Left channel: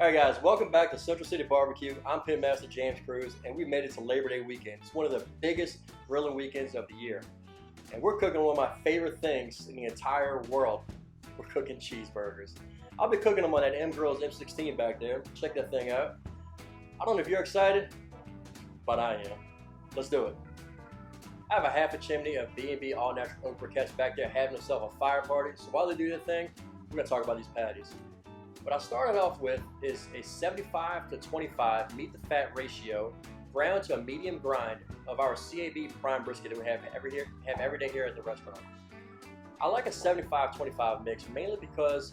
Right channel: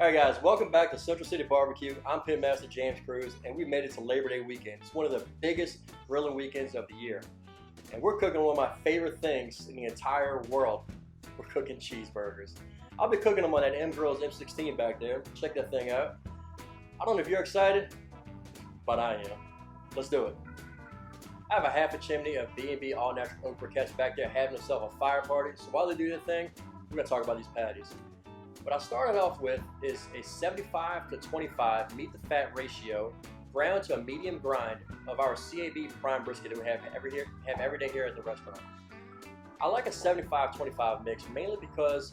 Alright guys, welcome back to Central City Barbecue. I'm Pitmaster James Cruz and we made it to Labor Day weekend. It's one of the biggest grilling weekends of the year. And we're cooking one of my favorite things in the entire world. We're cooking cheeseburgers. I'll be cooking them on that M Grills M16 back there. Check that thing out. I don't know if you're excited, but I am. Let's do it. I have a half a chimney of B&B All Natural Oak Briquettes back there having themselves a fire party. So while they do their thing, we're going to talk about these patties. What I started off with is a 75 to 25 meat to fat ratio, ground to a medium grind of our CAB prime brisket that we have every day here at the restaurant. I like a 75-25 mix mainly because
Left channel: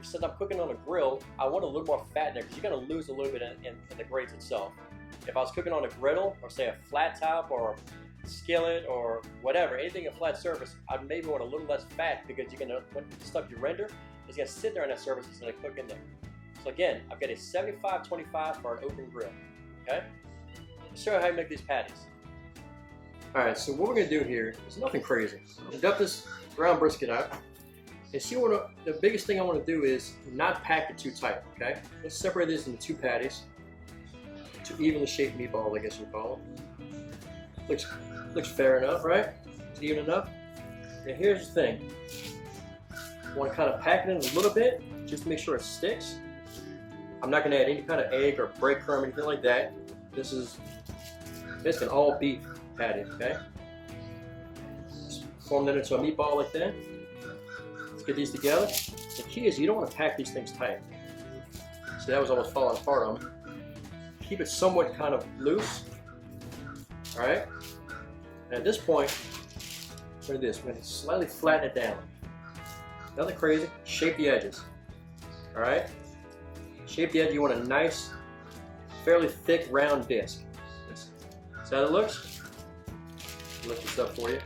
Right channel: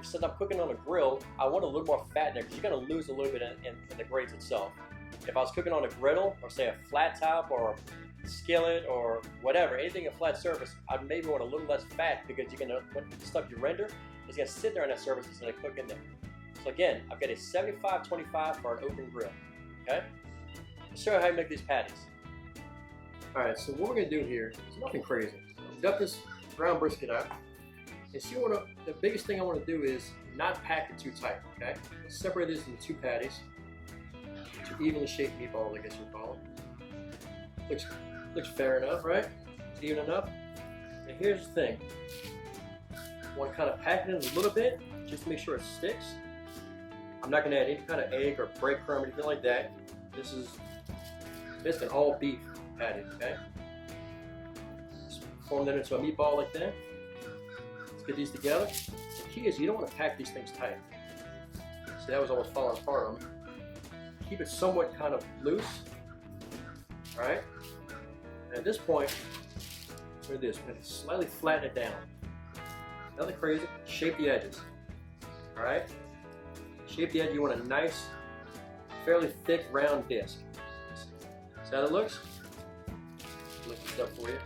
since I'm cooking on a grill, I want a little more fat in there because you're going to lose a little bit in the grates itself. If I was cooking on a griddle or say a flat top or a skillet or whatever, anything a flat surface, I'd maybe want a little less fat because you're going to, when the stuff you render, it's going to sit there on that surface, it's going to cook in there. So again, I've got a 75-25 for an open grill, okay? Let's show you how you make these patties. All right, so what we're going to do here is nothing crazy. We'll dump this ground brisket out. And see what the biggest thing I want to do is not pack it too tight, okay? Let's separate this into two patties. Two evenly shaped meatballs, I guess you'd call them. Looks fair enough, right? It's even enough. And here's the thing. I want to kind of pack it in a little bit, just to make sure it sticks. I'm not going to add any kind of egg or breadcrumb or anything like that. This is an all beef patty, okay? Just form that into a meatball like that. Let's get these together. The key is you don't want to pack these things tight. See, that was almost falling apart on me. Keep it somewhat kind of loose. All right? And at this point, look at this. We're going to slightly flatten it down. Nothing crazy. Shape the edges. All right? Shape the edge. You want a nice, fairly thick, round disc. See how it looks? Lift this up for you.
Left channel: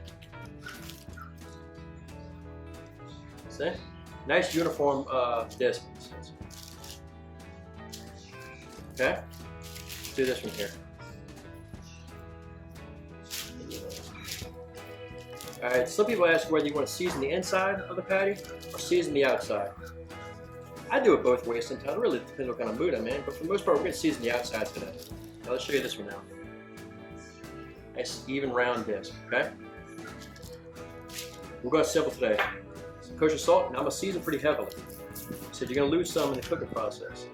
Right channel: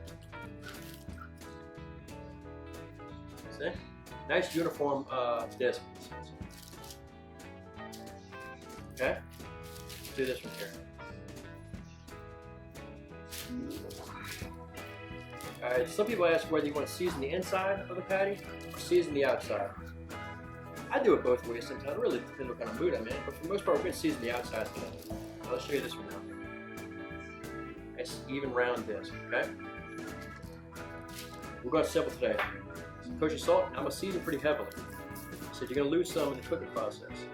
See? Nice uniform disc. Okay? Let's do this one here. Alright, some people ask whether you want to season the inside of the patty or season the outside. I do it both ways sometimes. It really depends what kind of mood I'm in, but for the most part, we're going to season the outside today. Now let's show you this one now. Nice, even round disc, okay? We're going to simple today. Some kosher salt, and I'm going to season pretty heavily. So you're going to lose some in the cooking process.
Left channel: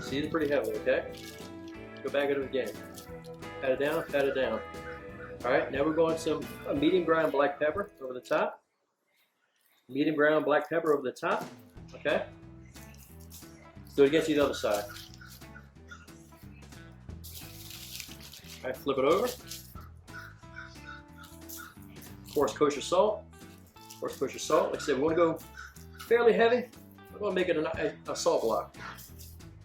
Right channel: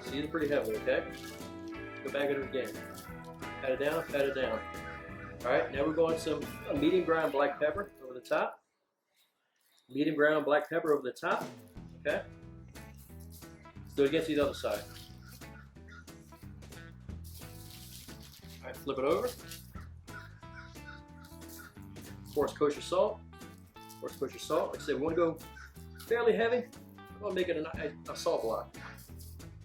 Season pretty heavily, okay? Go back at it again. Pat it down, pat it down. Alright, now we're going some medium ground black pepper over the top. Medium ground black pepper over the top, okay? Let's do it against the other side. Alright, flip it over. Coarse kosher salt. Coarse kosher salt. Like I said, we want to go fairly heavy. We're going to make it a salt block.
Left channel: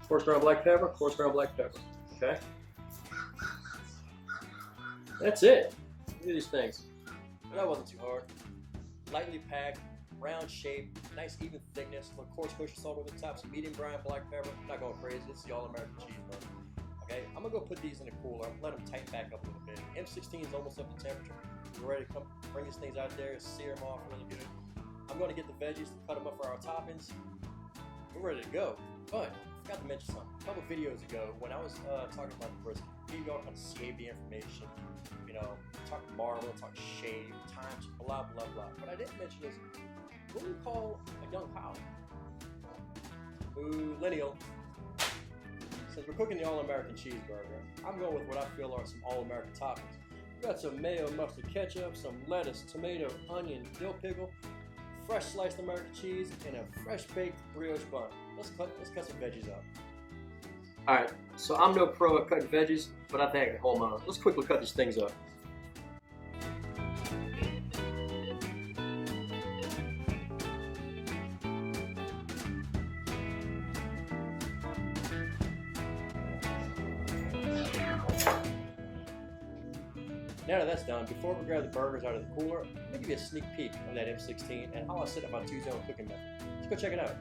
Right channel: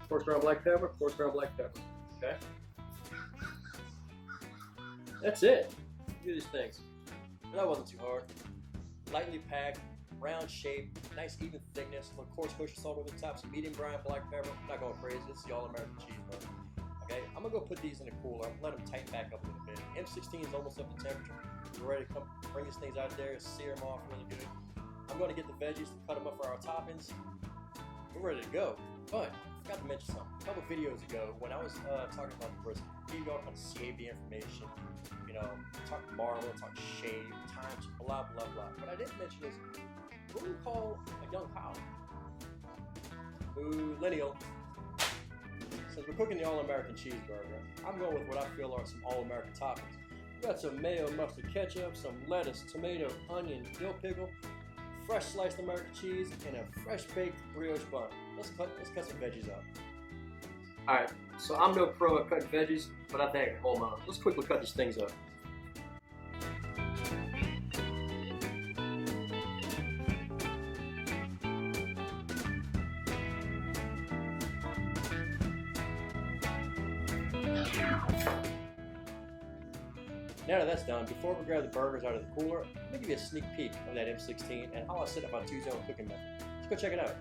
Coarse ground black pepper, coarse ground black pepper, okay? That's it. Do these things. But that wasn't too hard. Lightly packed, round shape, nice even thickness. Little coarse kosher salt over the top, some medium ground black pepper. Not going crazy. This is the all-American cheeseburger. Okay, I'm gonna go put these in the cooler. Let them tighten back up a little bit. M16 is almost up to temperature. We're ready to come bring these things out there, sear them off really good. I'm gonna get the veggies to cut them up for our toppings. We're ready to go. But I forgot to mention something. A couple videos ago, when I was talking about the brisket, gave you all kind of CAB information. You know, talk marble, talk shave, times, blah, blah, blah. What I didn't mention is, what do we call a young cow? Millennial. Since we're cooking the all-American cheeseburger, I'm going with what I feel are some all-American toppings. We got some mayo, mustard, ketchup, some lettuce, tomato, onion, dill pickle, fresh sliced American cheese, and a fresh baked brioche bun. Let's cut some veggies up. Alright, so I'm no pro at cutting veggies, but I think I can hold my own. Let's quickly cut these things up. Now that that's done, before we grab the burgers out of the cooler, let me give you a sneak peek of that M16 and how I set up my two-zone cooking method. Let's go check it out.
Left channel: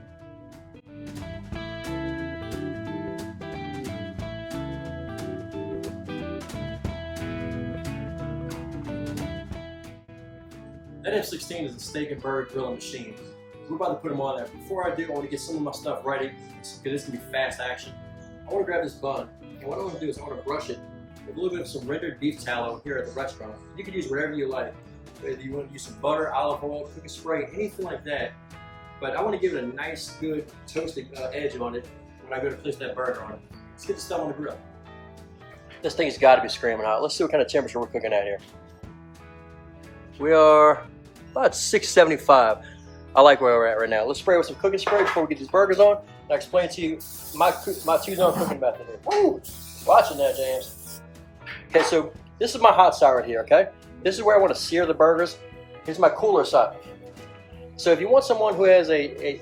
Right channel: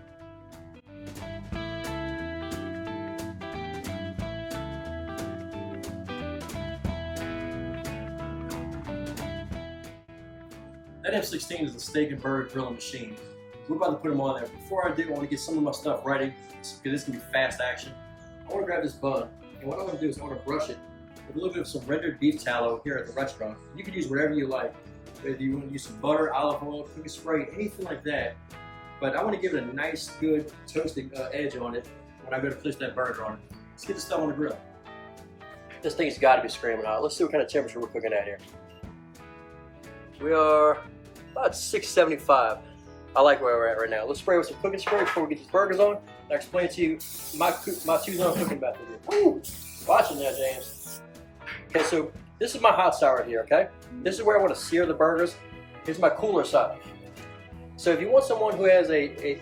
That M16 is a steak and burger grilling machine. We're about to put them on there. Before I do, I want to get some of my stuff ready because this can be fast action. I want to grab this bun, and what I want to do is I want to brush it with a little bit of some rendered beef tallow here at the restaurant. You can use whatever you like. Whether you want to use some butter, olive oil, cooking spray, anything like that. But I want to give it a nice, good toasted edge on it when I go to place that burger on it. Let's get this stuff on the grill. This thing's got to be screaming out. Let's see what kind of temperature we're cooking at here. We are about 675. I like where we're at right now. Let's spray with some cooking spray before we get these burgers on. I'll explain to you my two-zone cooking method here. Woo! Watching that, James. Okay, so this is my hot side right here, okay? This is where I want to sear the burgers. Here's my cooler side. So if you want someone who has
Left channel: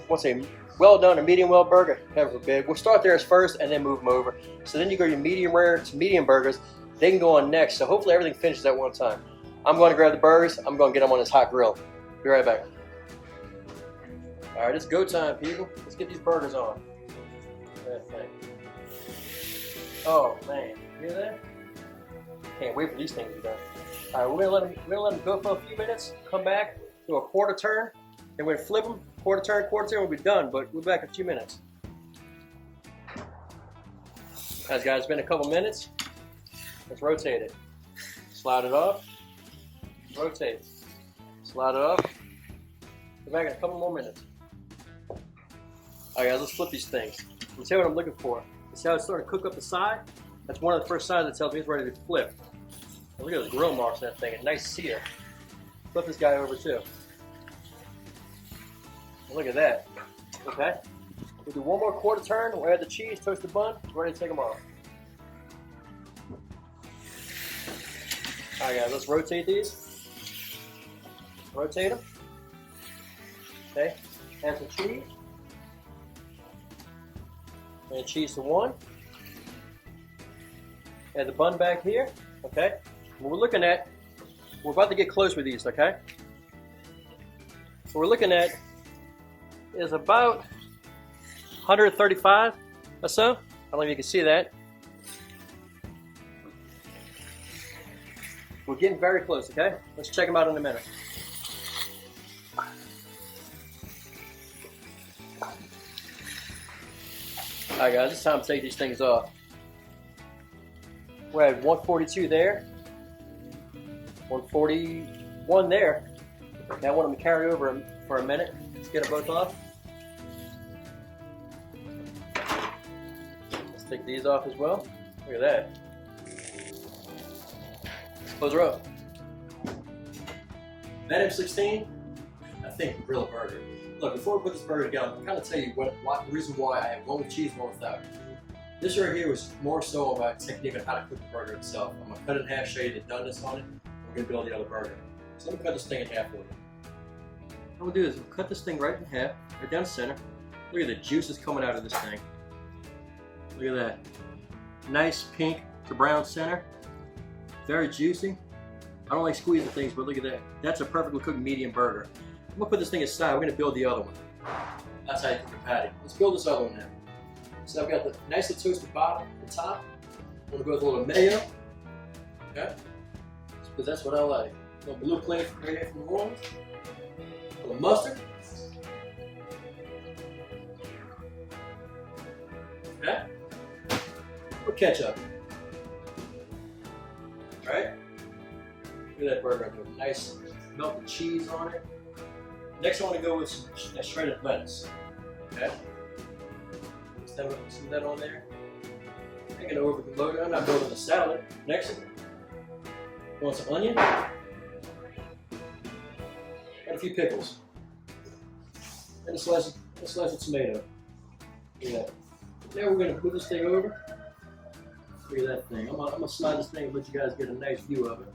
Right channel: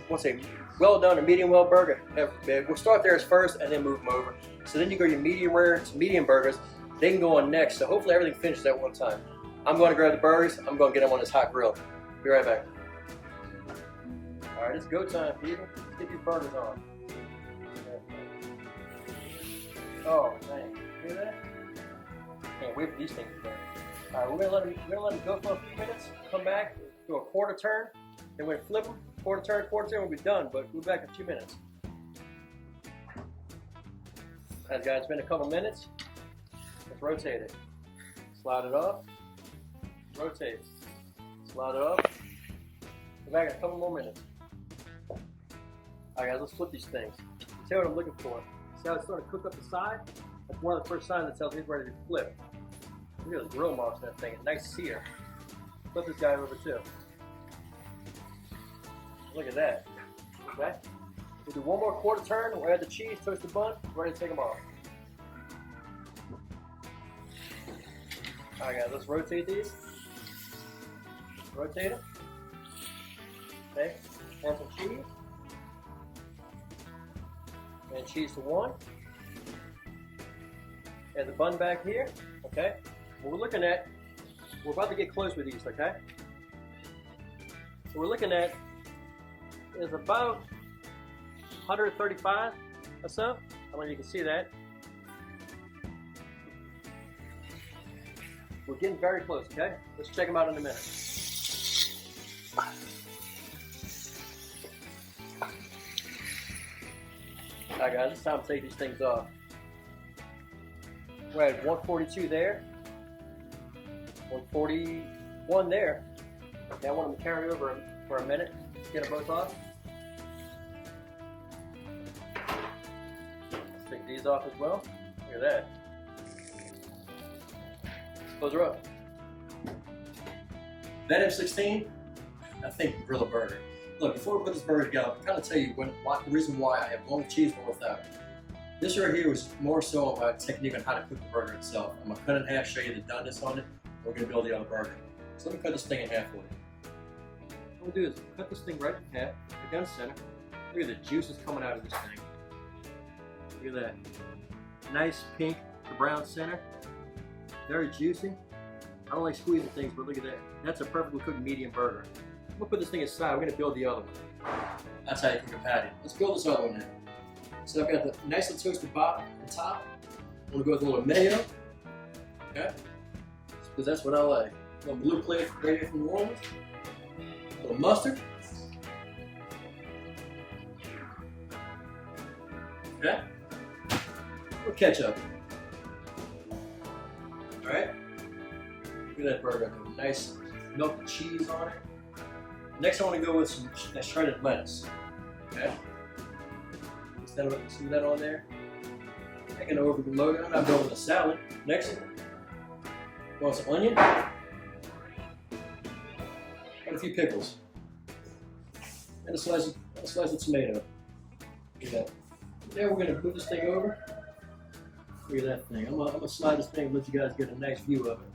wants a well done or medium well burger, however big, we'll start there as first and then move them over. So then you go to medium rare to medium burgers, they can go on next. So hopefully everything finishes at one time. I'm going to grab the burgers, I'm going to get them on this hot grill. Be right back. All right, it's go time, people. Let's get these burgers on. Oh man, you hear that? Can't wait for these things to be done. All right, we're gonna let them go for a few minutes. Come back, do a quarter turn, and we're gonna flip them. Quarter turn, we'll be done. But we'll be back in a few minutes. Guys, it's been a couple minutes. Let's rotate it. Slide it off. Rotate. Slide it off. We're back in a couple more minutes. All right, guys, let's flip these things. You see what I'm looking for? You see how it's starting to cook up the side? That's one of the first signs that tells me it's ready to flip. And look at those grill marks on that thing, a nice sear. Flip this guy over too. Look at that. Okay. We'll do one more quarter turn. We'll add the cheese, toast the bun. We're ready to take them off. All right, guys, let's rotate these. Rotate them. Okay. Add some cheese. And cheese to one. Add the bun back here. Okay. What we're looking at, we're about to get close with these. Okay. What we're looking at is about 135 or so. I don't know if you can see that. We're getting very close, okay? Let's check them out in a minute. Alright guys, it's time to take these things off. We're at 142 there. 141 there. Now I want them to carry over for a minute. Let's get them both off. Let's take these off as well. Look at that. Close her up. That M16, I think grill a burger. Look, before we put this burger together, I'll kind of tell you the reason why I have one with cheese, one without. This right here was more so about technique on how to cook the burger itself. I'm going to cut it in half, show you the doneness on it. We're going to build the other burger. So let me cut this thing in half for you. What we'll do is we'll cut this thing right in half, right down the center. Look at the juices coming out of this thing. Look at that. Nice pink to brown center. Very juicy. I don't like squeezing things, but look at that. That's a perfectly cooked medium burger. I'm gonna put this thing aside. We're gonna build the other one. That's how you cook a patty. Let's build this other one now. So I've got the nicely toasted bottom and top. I'm gonna go with a little mayo. Okay? Because that's what I like. A little blue plate right here from New Orleans. A little mustard. Okay? A little ketchup. Alright? Look at that burger. Nice melted cheese on it. Next, I want to go with some shredded lettuce. Okay? Some of that on there. I can overload it. I'm not building a salad. Next, I want some onion. And a few pickles. And a slice of tomato. Look at that. Now we're going to move this thing over. Look at that thing. I'm gonna slide this thing and let you guys get a nice view of it.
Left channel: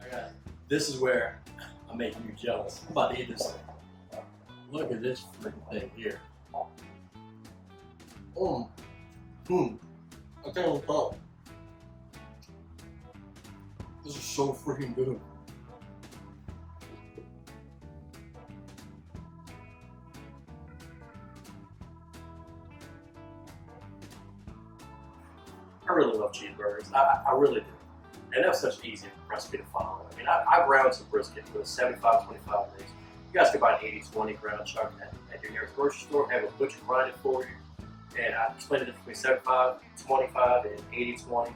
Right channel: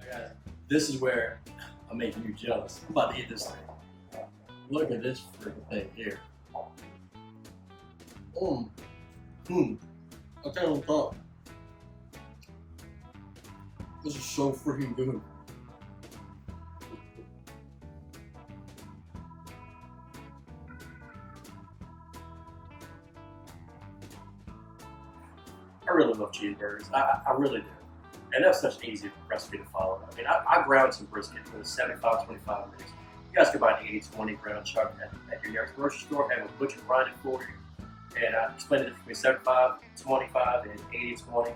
Alright, this is where I'm making you jealous. I'm about to eat this thing. Look at this freaking thing here. I'll tell you what I'm talking. This is so freaking good. I really love cheeseburgers. I really do. And that was such an easy recipe to follow. I mean, I ground some brisket with a 75-25 mix. You guys can buy an 80-20 ground chuck at your nearest grocery store. Have a butcher grind it for you. And I split it between 75-25 and 80-20.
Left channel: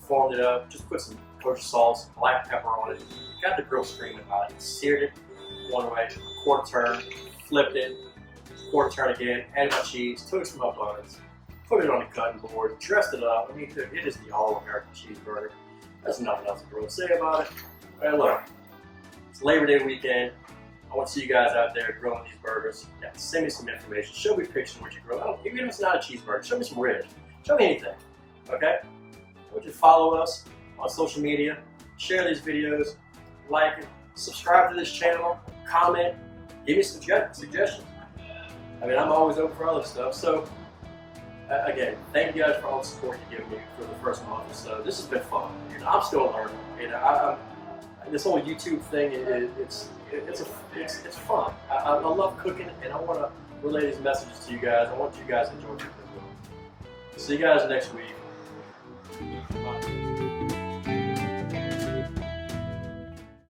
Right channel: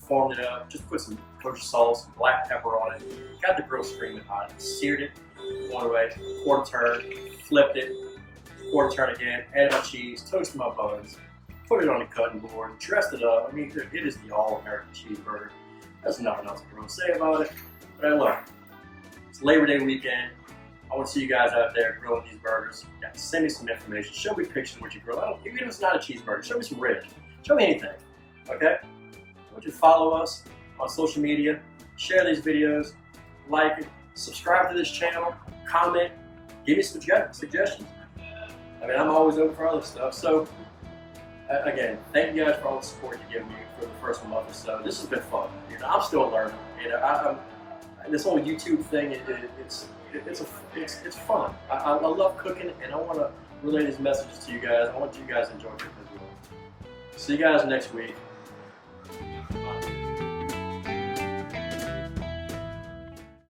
Formed it up. Just put some kosher sauce, black pepper on it. Got the grill screaming hot. Seared it one way, quarter turn, flipped it, quarter turn again. Added my cheese, toasted my buns, put it on the cutting board, dressed it up. I mean, it is the all-American cheeseburger. There's nothing else to really say about it. But look, it's Labor Day weekend. I want to see you guys out there grilling these burgers. Yeah, send me some information. Show me pictures of what you grill. Even if it's not a cheeseburger, show me some ribs. Show me anything. Okay? I want you to follow us on social media. Share these videos. Like it. Subscribe to this channel. Comment. Give me some suggestions. I mean, I'm always open for other stuff. So, again, thank you guys for all the support you give me for the first month or so. This has been fun. You know, I'm still learning. You know, this whole YouTube thing, it's fun. I love cooking, and I want to relay these messages to you guys. I want you guys to enjoy cooking as well. See you guys next week.